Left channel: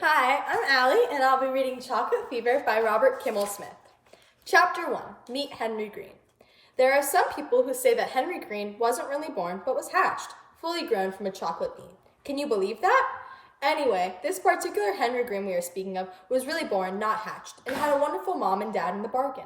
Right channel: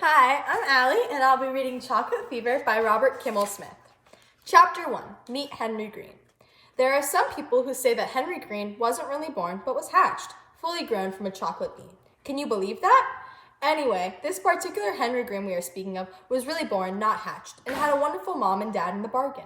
Hi, I'm Allie, and I'll be reading Chocolate Fever by Robert Kimmel Smith. Chapter 1, Meet Henry Green. There are some people who say that Henry Green wasn't really born, but was hatched, fully grown from a chocolate bean. Can you believe that? Anyway, this particular Henry Green we are speaking of was really born, not hatched, and had a wonderful mom and dad in the bargain.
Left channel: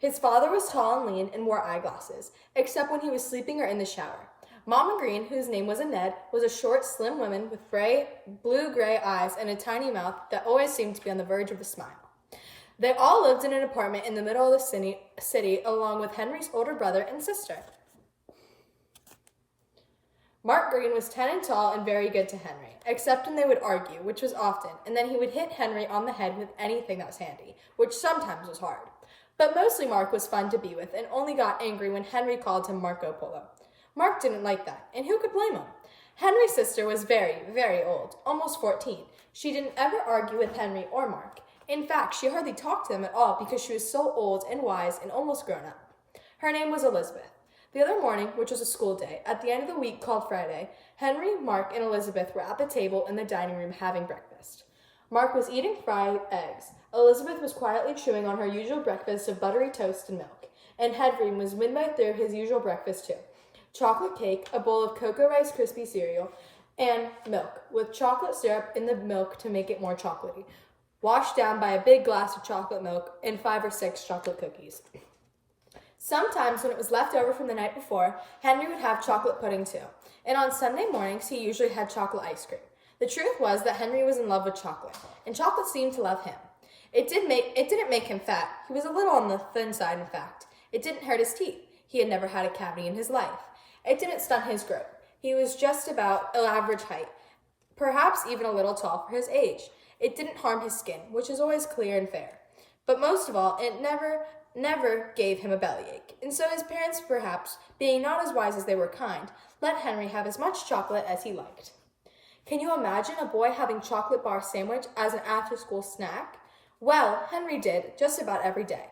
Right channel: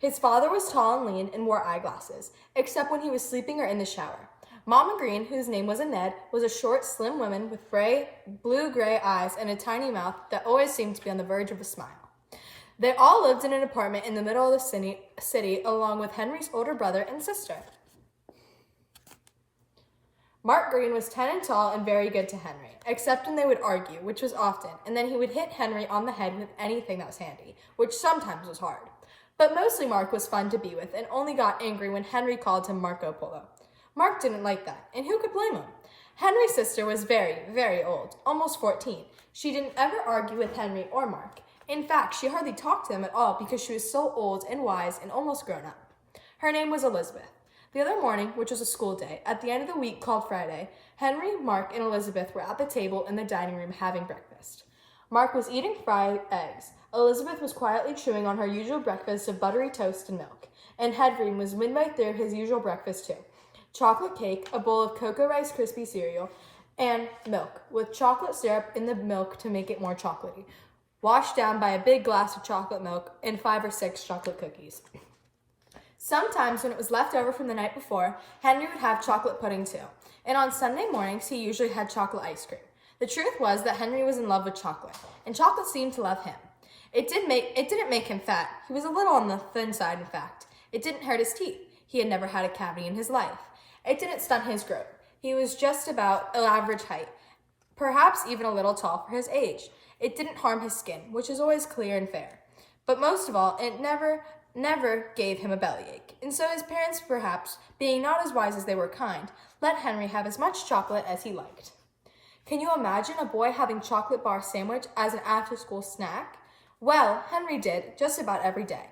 His father was tall and lean and wore eyeglasses, except when he was sleeping or in the shower. Mama Green, whose name was Annette, was a short, slim woman with blue-gray eyes and a tiny mouth that always seemed to be on the verge of a smile. They all lived in an apartment in the middle of the city along with Henry's older brother and sister. Mark Green was 10 and tall and very good to Henry, except when they would argue, which was often, and then he would hit Henry on the head with anything that was handy, which sometimes was hard. But mostly Mark was fun to be with and only got angry when Henry called him Marco Polo. Mark didn't like that, and who could blame him? Henry's sister was very, very old, almost 14. She didn't ever argue with Henry or Mark. In fact, she hardly talked to them at all because she was so old and wise and almost grown up. Her name was Elizabeth. The other morning, which was a school day, at the end of the week called Friday, Henry, Mark, and Elizabeth were at the table in the dining room having breakfast. Mark was eating fried eggs. Elizabeth was quietly chewing on her usual breakfast of buttery toast and milk, and Henry was midway through his usual breakfast too. Chocolate cake, a bowl of Cocoa Rice Krispie cereal, and milk, with chocolate syrup in the milk to make it more chocolatey, washed down by a big glass of chocolate milk and 5 or 6 chocolate cookies. Sometimes when it was left over from the night before, Henry would have chocolate pudding too, and on Sunday mornings he usually had chocolate ice cream. The truth was that Henry was in love with chocolate, and chocolate seemed to love him. It didn't make him fat. He was a little on the thin side, in fact. It didn't hurt his teeth. He had never had a cavity in his life. It didn't stunt his growth. He was just about average height, perhaps even a little tall for his age. It didn't harm his skin, which is always clear and fair. But most of all, it never gave him a bellyache. And so his parents, perhaps, being not as wise as they were kind, let Henry have as much chocolate as he liked. Can you imagine a boy having chocolate bar sandwich as an after-school snack? Well, Henry did, just about every day.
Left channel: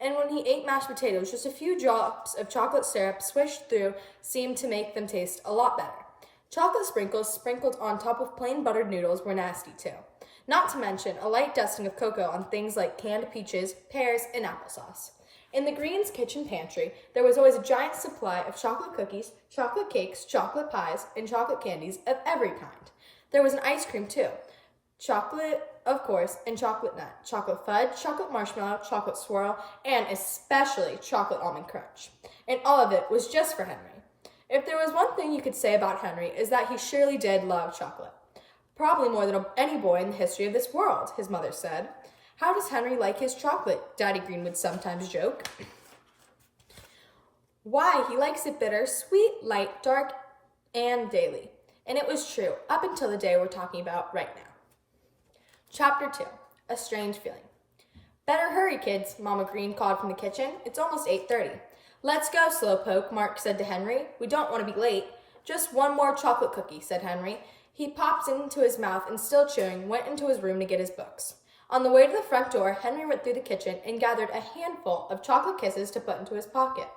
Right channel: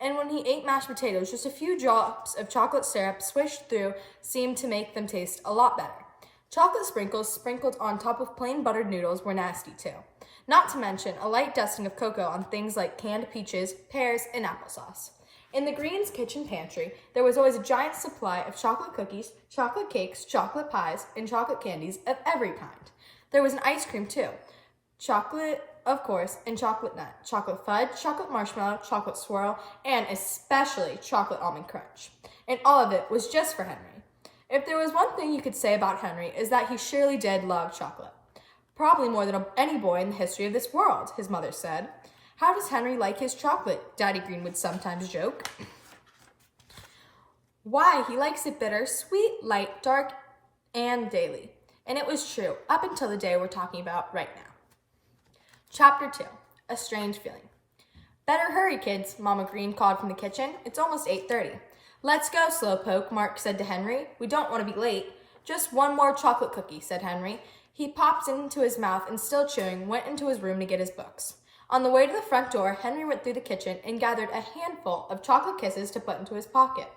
And when he ate mashed potatoes, just a few drops of chocolate syrup swished through seemed to make them taste a lot better. Chocolate sprinkles sprinkled on top of plain buttered noodles were nasty too. Not to mention a light dusting of cocoa on things like canned peaches, pears, and applesauce. In the Greens' kitchen pantry, there was always a giant supply of chocolate cookies, chocolate cakes, chocolate pies, and chocolate candies of every kind. There was an ice cream too. Chocolate, of course, and chocolate nut, chocolate fudge, chocolate marshmallow, chocolate swirl, and especially chocolate almond crunch. And all of it was just for Henry. If there was one thing you could say about Henry is that he surely did love chocolate. Probably more than any boy in the history of this world, his mother said. How does Henry like his chocolate? Daddy Green would sometimes joke. Why, he likes it bitter, sweet, light, dark, and daily. And it was true, up until the day we're talking about right now. Chapter 2, A Strange Feeling. Better hurry, kids, Mama Green called from the kitchen. It's almost 8:30. Let's go, Slowpoke, Mark said to Henry. We don't want to be late. Just one more chocolate cookie, said Henry. He popped into his mouth and, still chewing, went into his room to get his books. On the way to the front door, Henry went through the kitchen and gathered a handful of chocolate kisses to put into his pocket.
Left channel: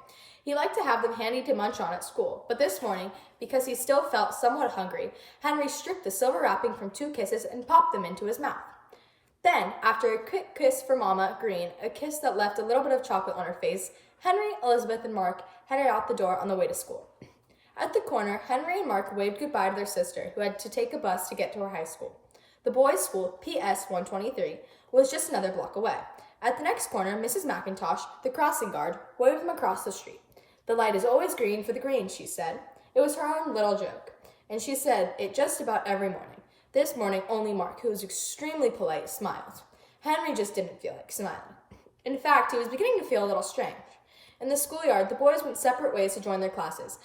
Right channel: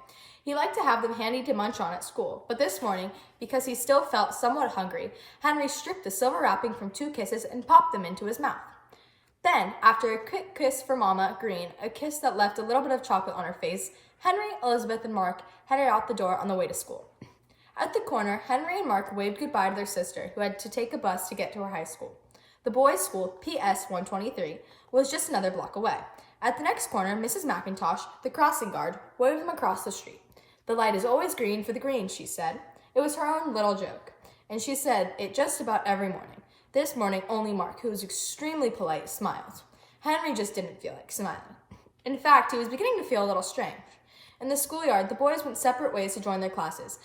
He liked to have them handy to munch on at school, but this morning, because he still felt somewhat hungry, Henry stripped the silver wrapping from 2 kisses and popped them into his mouth. Then, after a quick kiss for Mama Green, a kiss that left a little bit of chocolate on her face, Henry, Elizabeth, and Mark headed out the door on the way to school. At the corner, Henry and Mark waved goodbye to their sister, who had to take a bus to get to her high school. The boys' school, PS 123, was just another block away. At the next corner, Mrs. McIntosh, the crossing guard, waved them across the street. The light is always green for the Greens, she said. It was her own little joke, and she said it just about every morning. This morning, only Mark, who was extremely polite, smiled. Henry just didn't feel like smiling. In fact, he was beginning to feel a little strange. In the schoolyard, the boys went separate ways to join their classes.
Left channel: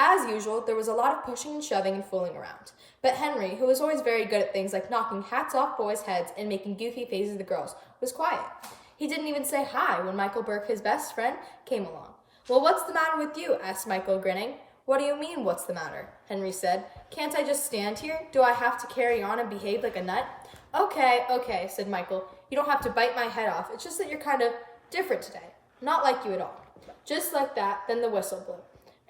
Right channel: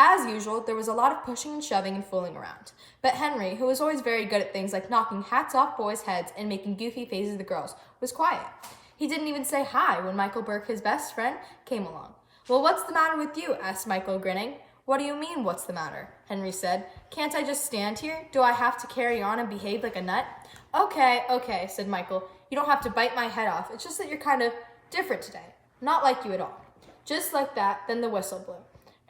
As usual, there was a lot of pushing and shoving and fooling around. But Henry, who was always very good at things like knocking hats off boys' heads and making goofy faces at the girls, was quiet. He didn't even say hi when Michael Burke, his best friend, came along. Well, what's the matter with you? Asked Michael, grinning. What do you mean, what's the matter? Henry said. Can't I just stand here? Do I have to carry on and behave like a nut? Okay, said Michael. You don't have to bite my head off. It's just that you're kind of different today. Not like you at all. Just like that, then the whistle blew,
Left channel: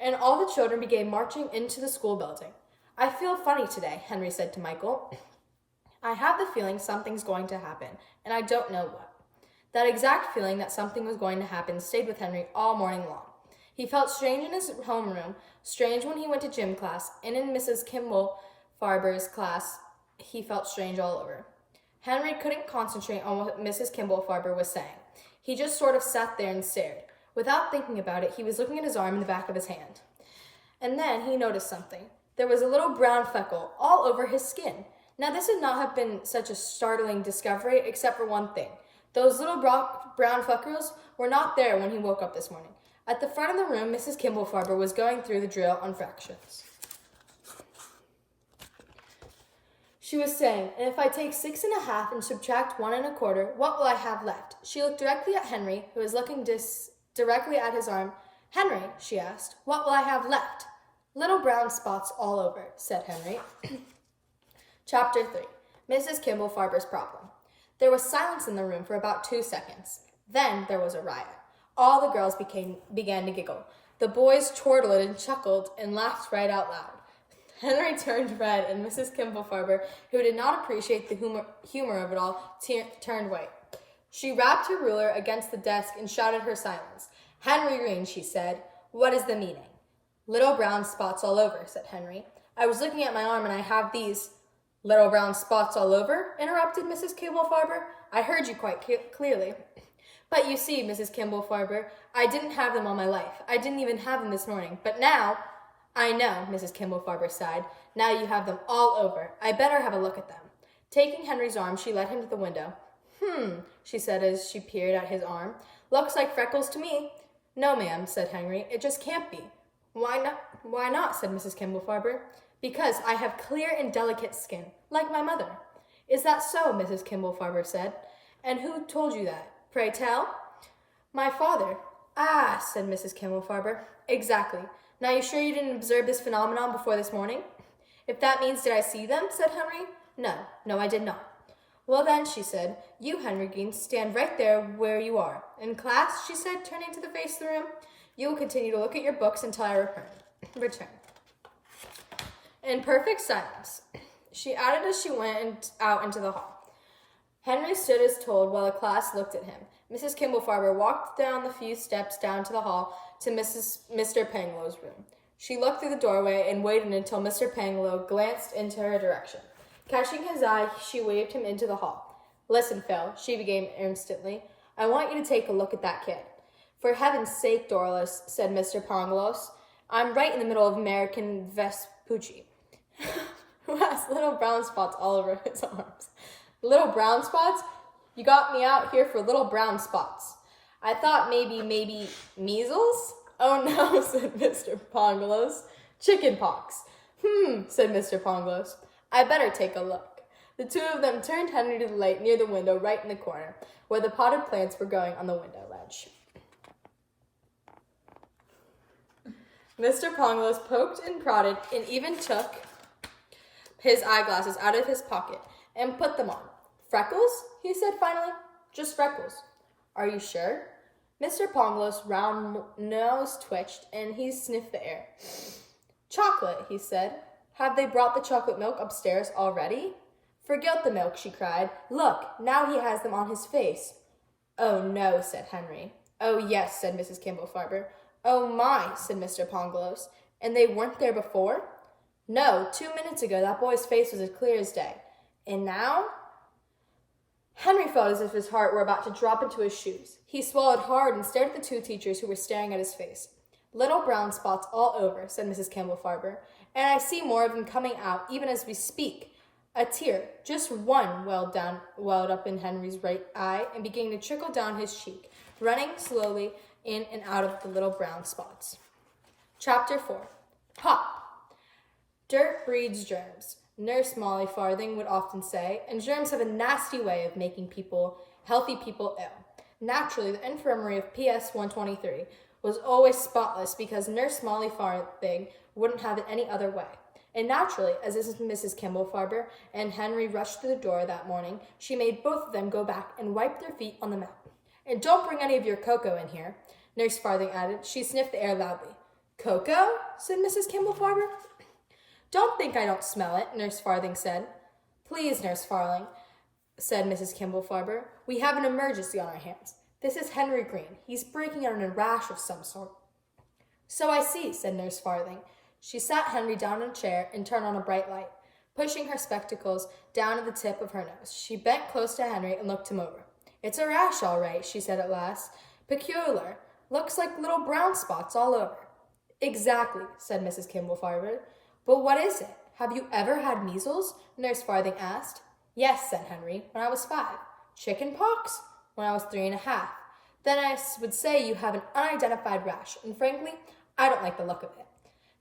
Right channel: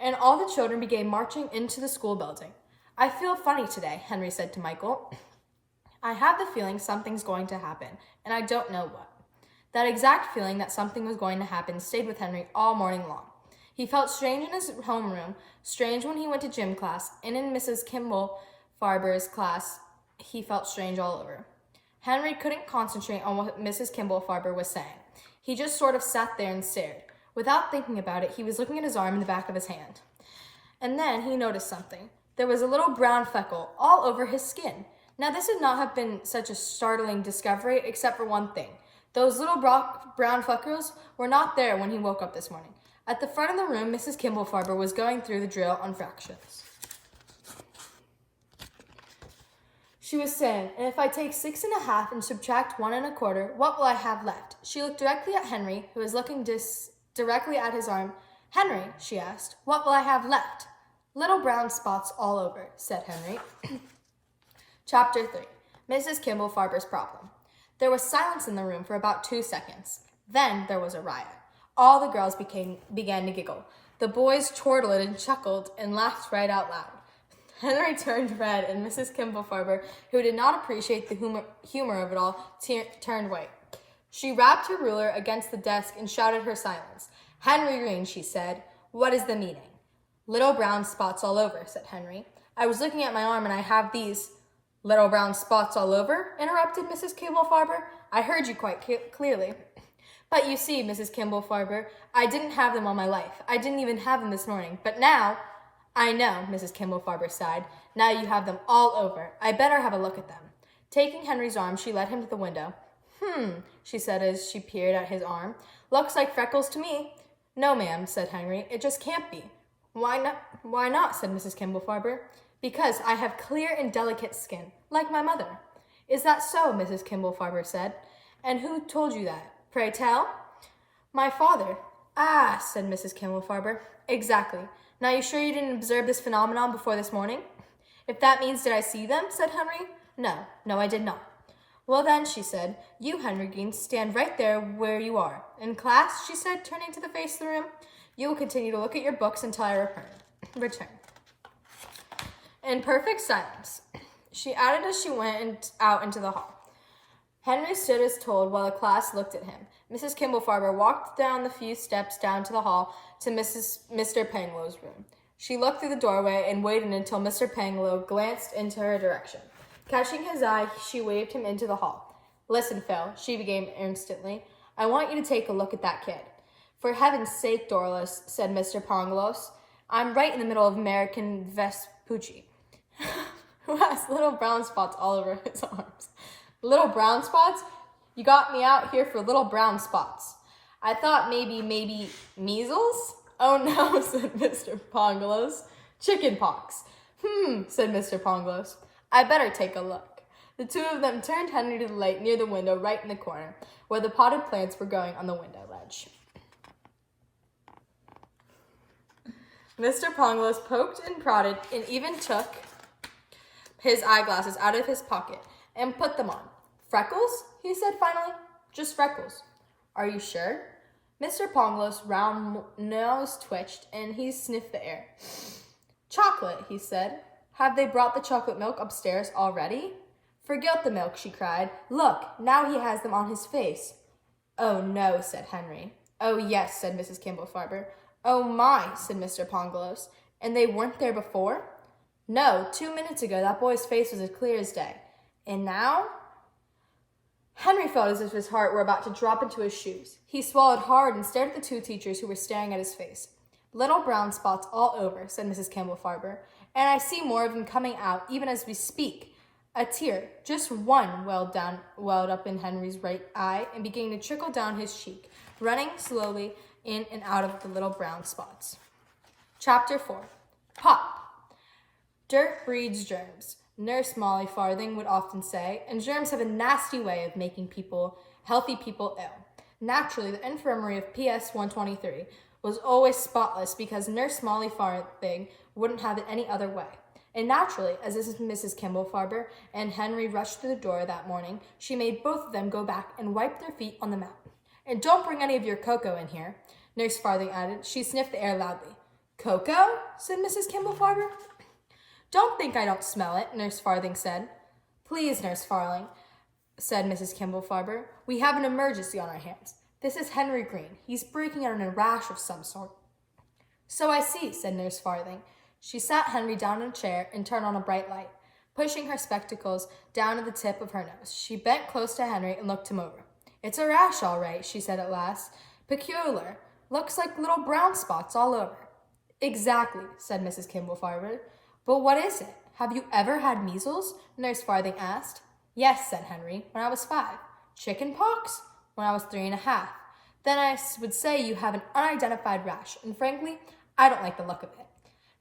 and all the children began marching into the school building. I feel funny today, Henry said to Michael. I have the feeling something's going to happen, and I don't know what. That exact feeling that something was going to happen stayed with Henry all morning long. He felt strange in his homeroom, strange when he went to gym class, and in Mrs. Kimball Farber's class, he felt strange all over. Henry couldn't concentrate on what Mrs. Kimball Farber was saying. He just sort of sat there and stared. Without thinking about it, he was looking at his arm and the back of his hand. And then he noticed something. There was a little brown freckle all over his skin. Now, this would not have been such a startling discovery, except for one thing. Those little brown freckles were not there when he woke up this morning. At the front of the room, Mrs. Kimball Farber was going through the drill on fractions. She was saying, and if I take 6 1/2 and subtract 1 1/4, what will I have left? She looked directly at Henry, who was looking directly at his arm. Henry, she asked, what will I have left? Little brown spots all over, said Henry. Chapter 3. Mrs. Kimball Farber's Problem. There was silence in the room for about 2 seconds. Then there was a riot. All the girls began to giggle. The boys chortled and chuckled and laughed right out loud. Henry turned red, and Mrs. Kimball Farber, who did not appreciate the humor of it all, turned white. She rapped her ruler against the desk and shouted her silence. Henry Green, she said, what is the meaning? Little brown spots all over, said Henry. I was looking at my arm, and I have these. Little brown spots all over? Interrupted Mrs. Kimball Farber. I heard you quite clearly. But you see, Mrs. Kimball Farber, I didn't have them all my life. I didn't even have them this morning. But now, I know, Mrs. Kimball Farber sighed. Now you have them all over. I better have a look at them. Taking Henry's arm, she led him to the window. She said as she peered at his arm. Looks like freckles to me. No, ma'am, said Henry. It just can't be. Why not, said Mrs. Kimball Farber. Because I have clear and delicate skin, like my mother. Is that so, Mrs. Kimball Farber said. And who told you that? Pray tell. My father. Ah, said Mrs. Kimball Farber. Exactly. Now you sure you didn't observe this phenomenon before this morning? If that means did I see them, said Henry. No, I did not. Well then, she said, you, Henry Green, stand right there where you are. In class, she said, turning to the face of the room, you will continue to look at your books until I return. In perfect silence, she added as she went out into the hall. Henry stood as told while the class looked at him. Mrs. Kimball Farber walked down the few steps down to the hall to Mr. Panglow's room. She looked through the doorway and waited until Mr. Panglow glanced into her direction. Catching his eye, she waved him into the hall. Listen, Phil, she began instantly. I want you to take a look at that kid. For heaven's sake, Dorlis, said Mr. Panglow. I'm right in the middle of American Vespucci, who has little brown spots all over his arms. Little brown spots? You got me out here for little brown spots. I thought maybe measles? Oh no, said Mr. Pangloss. Chicken pox. Said Mr. Pangloss. I better take a look. The two of them turned Henry to the light near the window right in the corner, where the potted plants were growing on the window ledge. Mr. Pangloss poked and prodded and even took his eyeglasses out of his pocket and put them on. Freckles? He said finally. Just freckles. Are you sure? Mr. Pangloss' round nose twitched and he sniffed the air. Chocolate, he said. Have they brought the chocolate milk upstairs already? Forget the milk, she cried. Look, now he has them on his face. Oh no, said Henry. Oh yes, said Mrs. Kimball Farber. Oh my, said Mr. Pangloss. And they weren't there before? No, 2 minutes ago that boy's face was as clear as day. And now? Henry felt as if his heart were about to drop into his shoes. He swallowed hard and stared at the two teachers who were staring at his face. Little brown spots all over, said Mrs. Kimball Farber. And I see more of them coming out, even as we speak. A tear, just one, welled up in Henry's right eye and began to trickle down his cheek, running slowly in and out of the little brown spots. Chapter 4. Pop. Dirt breeds germs, Nurse Molly Farthing would often say, and germs have a nasty way of making healthy people ill. Naturally, the infirmary of PS 123 was always spotless because Nurse Molly Farthing wouldn't have it any other way. And naturally, as Mrs. Kimball Farber and Henry rushed through the door that morning, she made both of them go back and wipe their feet on the mat. And don't bring any of your cocoa in here, Nurse Farthing added. She sniffed the air loudly. Cocoa? Said Mrs. Kimball Farber. Don't think I don't smell it, Nurse Farthing said. Please, Nurse Farling, said Mrs. Kimball Farber. We have an emergency on our hands. This is Henry Green. He's breaking out in a rash of some sort. So I see, said Nurse Farthing. She sat Henry down in a chair and turned on a bright light. Pushing her spectacles down to the tip of her nose, she bent close to Henry and looked him over. It's a rash, all right, she said at last. Peculiar. Looks like little brown spots all over. Exactly, said Mrs. Kimball Farber. But what is it? Have you ever had measles? Nurse Farthing asked. Yes, said Henry, when I was 5. Chicken pox? When I was 3.5. Then I would say you have an unidentified rash, and frankly, I don't like the look of it.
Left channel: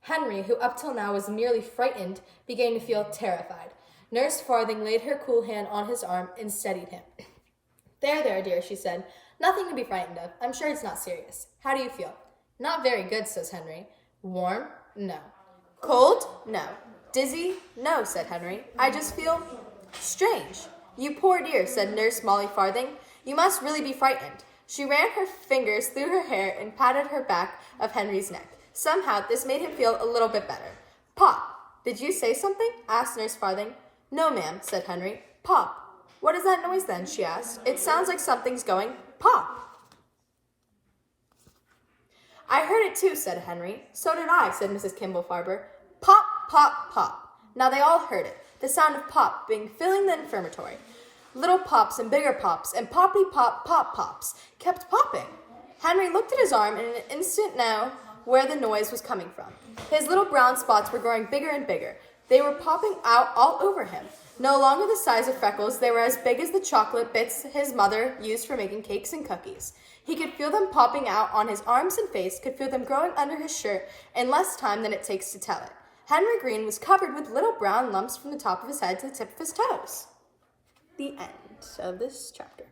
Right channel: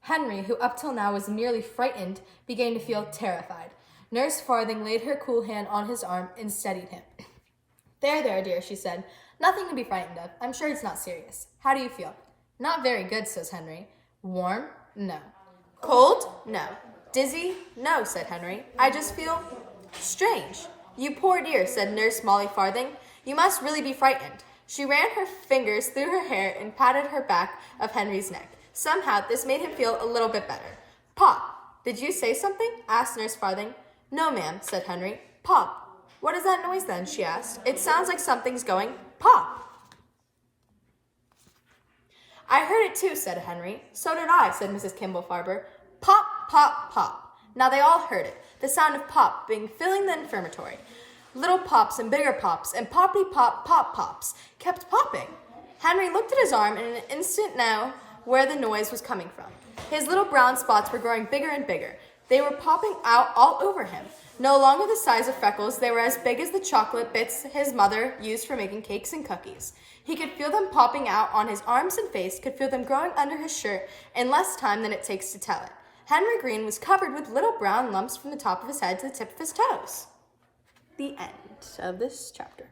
Henry, who up till now was merely frightened, began to feel terrified. Nurse Farthing laid her cool hand on his arm and steadied him. There, dear, she said. Nothing to be frightened of. I'm sure it's not serious. How do you feel? Not very good, says Henry. Warm? No. Cold? No. Dizzy? No, said Henry. I just feel strange. You poor dear, said Nurse Molly Farthing. You must really be frightened. She ran her fingers through her hair and patted her back of Henry's neck. Somehow, this made him feel a little bit better. Pop, did you say something? Asked Nurse Farthing. No, ma'am, said Henry. Pop. What is that noise then? She asked. It sounds like something's going pop. I heard it too, said Henry. So did I, said Mrs. Kimball Farber. Pop, pop, pop. Now they all heard it, the sound of pop being filling the infirmary. Little pops and bigger pops and poppy pop pop pops kept popping. Henry looked at his arm and in an instant knew where the noise was coming from. His little brown spots were growing bigger and bigger. They were popping out all over him. No longer the size of freckles, they were as big as the chocolate bits his mother used for making cakes and cookies. He could feel them popping out on his arms and face, could feel them growing under his shirt in less time than it takes to tell it. Henry Green was covered with little brown lumps from the top of his head to the tip of his toes. The end of this chapter.